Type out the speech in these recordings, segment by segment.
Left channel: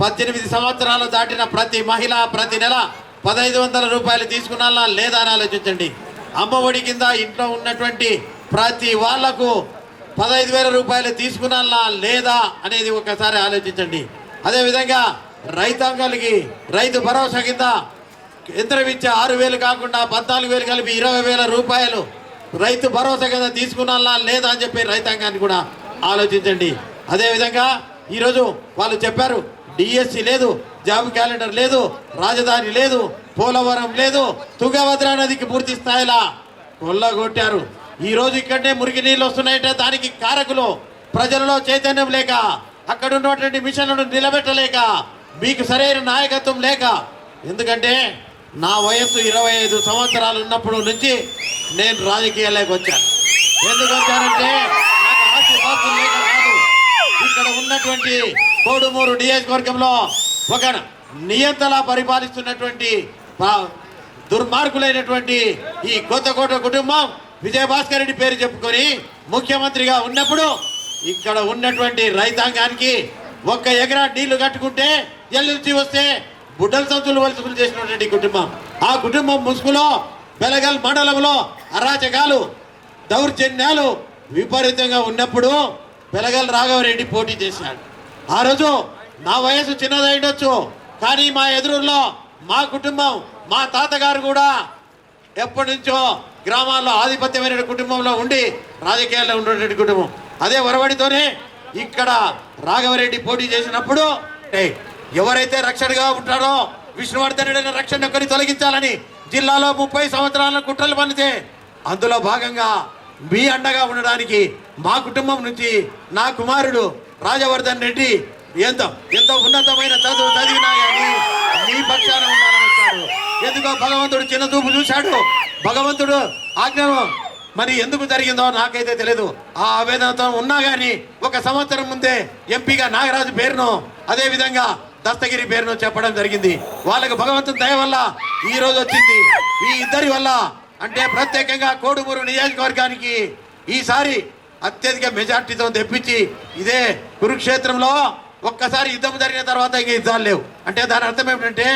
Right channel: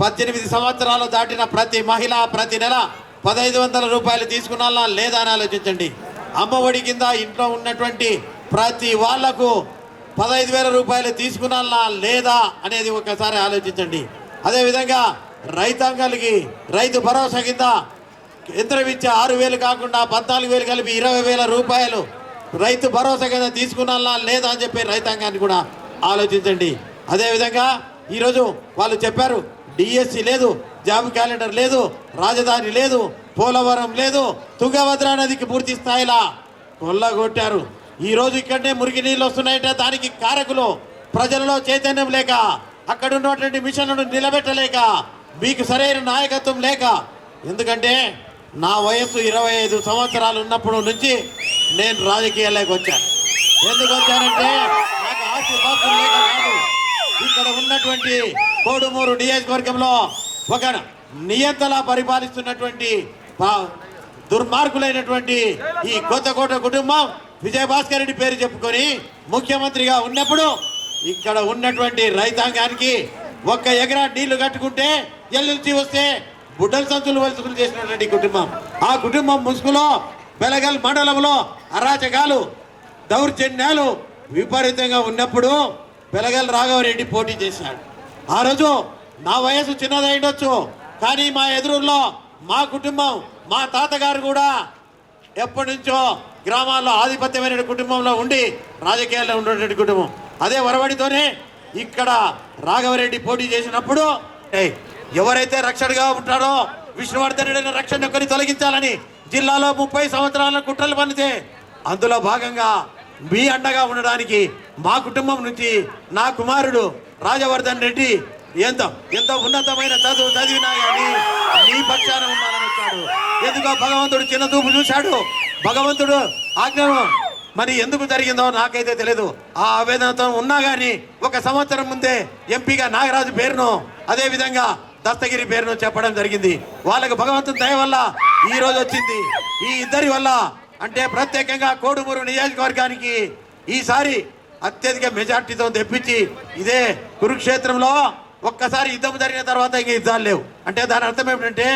పద్దెనిమిది సంవత్సరాలు దాటిన ప్రతి మహిళ ప్రతి నెల పదహైదు వందల రూపాయలు తీసుకున్నాలా లేదా అని ఆలోచించండి. అమ్మఒడి కింద ఇంట్లో ఉన్నటువంటి ప్రతి వాళ్ళకు పదహైదు వేల రూపాయలు తీసుకున్నాలా లేదా అనేది ఒకసారి ఆలోచించండి. అదేవిధంగా రైతాంగాలకి రైతు భరోసా కింద యంత్రం ఇచ్చే ఆరు వేలు కాకుండా పద్నాలుగు వేలు కలిపి ఇరవై వేల రూపాయలు రైతు భరోసా కింద తీసుకున్నాలా లేదా అని చెప్పి రైతాంగాన్ని కూడా ఆలోచించండి. అదేవిధంగా ఈరోజు వాళ్ళు చెప్పారు డిఎస్సి లేదు జాబ్ క్యాలెండర్ లేదు రాజధాని లేదు పోలవరం లేదు తుంగభద్ర నదికి పూర్తి స్థాయిలా కొల్లగొట్టారు. ఈ రోజు ఇక్కడనే మురికి నీళ్ళు వస్తున్నాయంటే దానికి కారకులు ప్రజలలో చైతన్యం లేక అక్కడ ఉన్నటువంటి మిషన్లను నిలబెట్టలేక మీకు సరైన నాయకత్వం లేక. ఎందుకంటే నా వయస్సు ఇరవై ఐదు సంవత్సరాలు ఉన్నప్పుడు నుంచి నేను రాజకీయాల్లోకి వచ్చాను. ఎందుకు వచ్చానంటే నాకు ఆస్తి పాస్తులు లేక కాదు. ఇక్కడ ఉన్నటువంటి కోడుమూరు నియోజకవర్గంలో ఒక నియంతలా పరిపాలిస్తున్నటువంటి దుర్మార్గులైనటువంటి ఈ కొత్తకోట కుటుంబం విజయభాస్కర్ రెడ్డి పేరు చెప్పుకొని ముఖ్యమంత్రిగా ఉన్నప్పుడు ఇక్కడ ఉన్నటువంటి రైతాంగానికి ఒక్క ఎకరా నీళ్ళు కట్టుకుంటే ఎల్లుంచి వస్తే బుడ్డల సంచులు వలసలు చేసినటువంటి కుటుంబం. ఆ కుటుంబం ముసుగులో బెలగల్ మండలంలో అరాచకాలు దౌర్జన్యాలు విపరీతంగా ఉన్నప్పుడు బెలగల్ రాఘవరెడ్డి పోటీ చేశాడు. ఆ రోజు నా వయసు చిన్నదై ఉండొచ్చు కానీ మా ఎదురులో మా కుటుంబం మా తాతగారు కూడా ఎప్పటి నుంచో గ్రామాల్లో ఆధిపత్యమైన కుటుంబంలో ఉండి రాజకీయాల్లో ఉండేటువంటి కుటుంబం. అదే వరవడితోనే ఇక్కడ రాఘవరెడ్డి పోటీ చేసినప్పుడు ఎవరైతే రక్షణగా ఉంటారో విష్ణువర్ధన్ రెడ్డి రక్షణ ఒకరి తొలగించాలని జిల్లాలో ముప్పై సంవత్సరాల కుట్రలు పనితే అందులో భాగంగా మీ అండగా ఉండడానికి మా కుటుంబం నుంచి నా కుమారుడు రాజవర్ధన్ రెడ్డి ఎంత ఎంత ఉన్నతమైన చదువు చదివినా కానీ నీ పక్షాన ఉన్నానని వచ్చాడు. ఎందుకో భగవంతుడు చిన్న చూపు చూశాడు. భగవంతుడు ఆజ్ఞను మరి ఎందుకు జరిగిందో నాకైతే తెలియదు ఆ ఆవేదనతో ఉన్నా కానీ ఒక సంవత్సరం ముందే ఎంపీగా నాగరాజు పేరును అదే విధంగా దస్తగిరి పేరును చెప్పడం జరిగింది. వాళ్ళకు భగవంతుని దయ వల్ల ఈ రోజు వచ్చింది. ఈ ఇద్దరి వల్ల అంటే ప్రత్యేకంగా కోడుమూరు నియోజకవర్గానికి ఈసారి అత్యధిక మెజార్టీతో తెప్పించి ఇదే కురుక్షేత్రంలో ఒక్కసారి యుద్ధం జరిగిన తర్వాత ఇంక యుద్ధాలు లేవు. అంటే దాని అర్థం ఏమిటంటే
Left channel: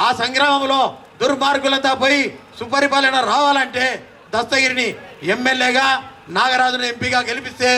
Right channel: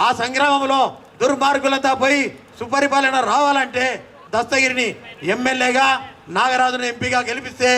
ఆ సంగ్రామంలో దుర్మార్గులంతా పోయి సుపరిపాలన రావాలంటే దస్తగిరిని ఎమ్మెల్యేగా నాగరాజును ఎంపీగా గెలిపిస్తే